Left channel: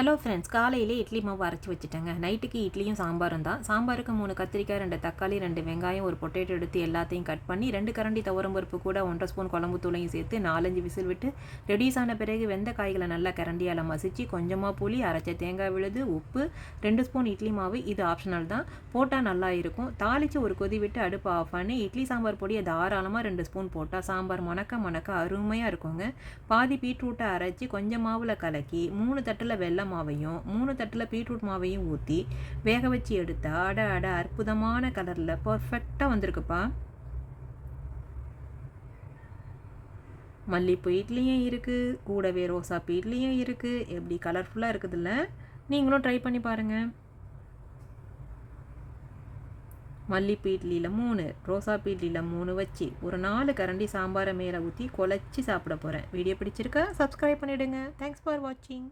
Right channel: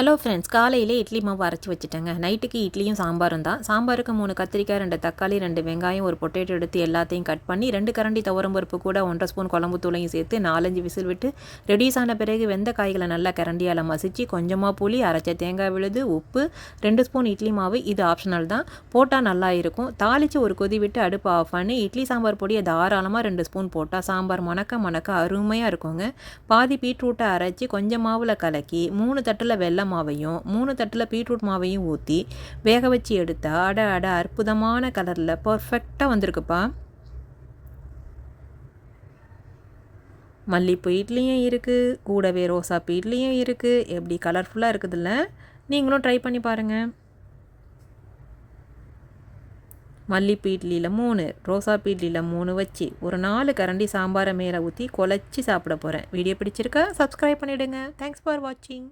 Hello friends காலையிலே இட்லி மாவு அரைச்சி வச்சுட்டேங்க. நைட்டுக்கு இட்லியும் சாம்பாரும் தான். சாம்பாருக்கு மூணு கத்திரிக்காய் ரெண்டு தக்காளி ரெண்டு வெங்காயம் ஒரு பொட்டேட்டோ எடுத்து எல்லாத்தையும் கட் பண்ணி ரெண்டு கரண்டி துவரம் பருப்பு கூட ஒன்றரை ஸ்பூன் குழம்பு தூளையும் சேர்த்து நாலஞ்சு விசில் விட்டு ரெடியூஸ் ஆன பிறகு வெந்த காய்களை நல்லா கரண்டியால் மசிச்சு கொஞ்சமாக புளி அரைச்ச தேங்காய் விழுது உப்பு ரெண்டு ஸ்பூன் இட்லி மாவு இது ஆப்ஷனல் தான். போட்டால் நல்லா இருக்கும். தாளித்து ஒரு கொதி விட்டு அடுப்பு ஆஃப் பண்ணி இட்லி சாம்பார் பொடியை தாராளமாக ரெண்டு ஸ்பூன் போட்டால் சாம்பார் மணக்க மணக்க அருமையாக இருக்குங்க. பாதி பீட்ரூட்டை அரைச்சி கொஞ்சம் மாவில் கலக்கி மூணு தட்டில் வெள்ளம் மாவையும் மூணு தட்டில் பீட்ரூட் மாவையும் ஊற்றி வேக வச்சு எடுத்தா அட அட அற்புதமான கலரில் பர்ஃபெக்டாக வந்திருக்குப்பா. மல்லிப்பூ இட்லியும் இருக்குது கூடவே ரோசாப்பூ இட்லியும் இருக்குது எப்படி கலர்ஃபுல்லாக இருக்குதுல்ல? நீங்களும் ட்ரை பண்ணி பாருங்கள் மல்லிப்பூ இட்லியில் மூணு ரோசாப்பூ இட்லியில் மூணு வச்சு ஒரு நாலு கரண்டி சாம்பாரை மேலே ஊற்றி குழச்சி சாப்பிட போகிறேன் வீடியோ பிடிச்சிருக்கா? சப்ஸ்கிரைப் பண்ணிவிடுங்க தேங்க்ஸ் ஃபார் வாட்சிங்